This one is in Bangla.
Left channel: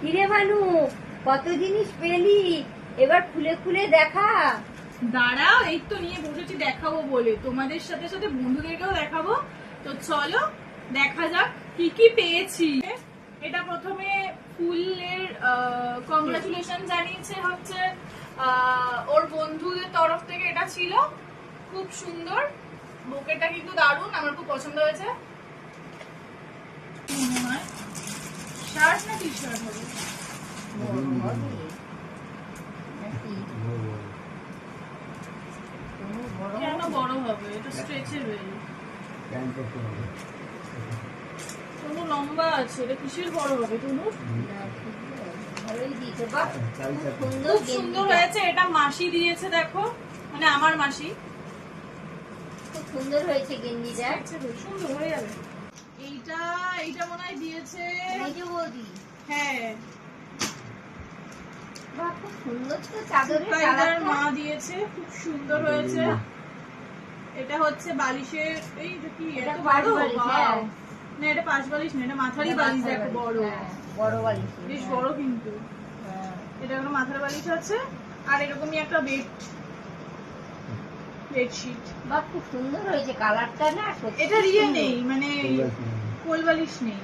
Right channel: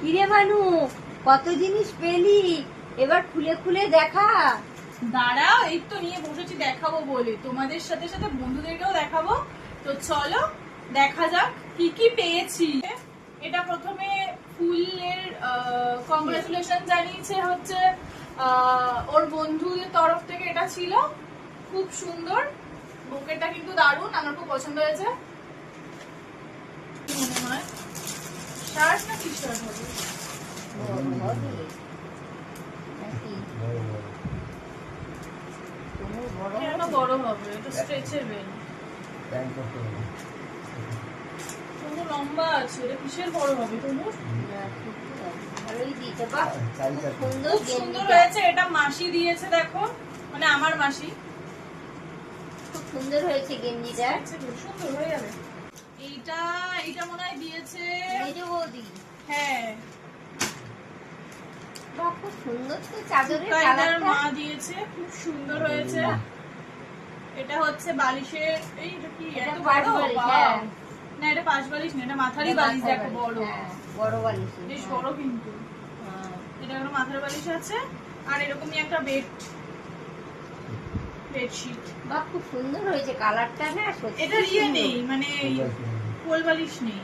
কিরে মানু, কত জিনিস পেলি, এবার খুলে খুলে দেখা। দাঁড়াও, এই তো নিয়ে বসেছি দেখাবো বলে, তোমাদের সাথে সাথে বন্ধুদেরকেও দেখাবো। তো চলো দেখা যাক কি কি পেয়েছি। এটা প্রথমে ফুলের কংগ্রাচুলেশন জানিয়েছে হচ্ছে ওর বন্ধুদের তরফ থেকে। এটা ছিল খুব সুন্দর, বুকেটা কিন্তু দারুণ, আমার খুব পছন্দ হয়েছে। মনে হয় শার্ট না টি শার্ট হবে? বড় হবে নাকি? কোনো বড় কেন হবে? বড় হবে? এটা স্ট্রেচের বেল, কোনো লম্বা আছে। এটা কিসের বড় হবে তনু? না, ঠিকই আছে, ভালোই দিয়েছে। বাহ, খুব সুন্দর খুব সুন্দর গেঞ্জিটা। হয়েছে। এটা মাসি দিয়েছে, দেখো, মানে আমার মাসি। খুব সুন্দর হয়েছে গেঞ্জিটা। সুন্দর হয়ে যাবে। এইটা এইটা মনে হয় দিয়েছে, মেজো বৌদি। হ্যাঁ, বাহ, খুব সুন্দর তো চাদরের কায়দার কালারটা। মা দিয়েছে, খুব সুন্দর হয়েছে। এটা হচ্ছে বালিশের, এইটা কি এটা এত পাশ বড়? বালিশ, Wow! হ্যাঁ। না, এটা পাশ বালিশ না, এটা মাথারই এটা বালিশ। মাথার দেখো বালিশ, বড়, হ্যাঁ, বড় বালিশ। বেশ হ্যাঁ, বড় কিন্তু। হ্যাঁ। এটা একটা মাথার বালিশ আছে, আর এরকমই একটা বেডশিট। বাহ, খুব সুন্দর হয়েছে কালারটা না, সত্যি এটা ইয়ে সুন্দর। নেই, মানে কোল বালিশ নেই।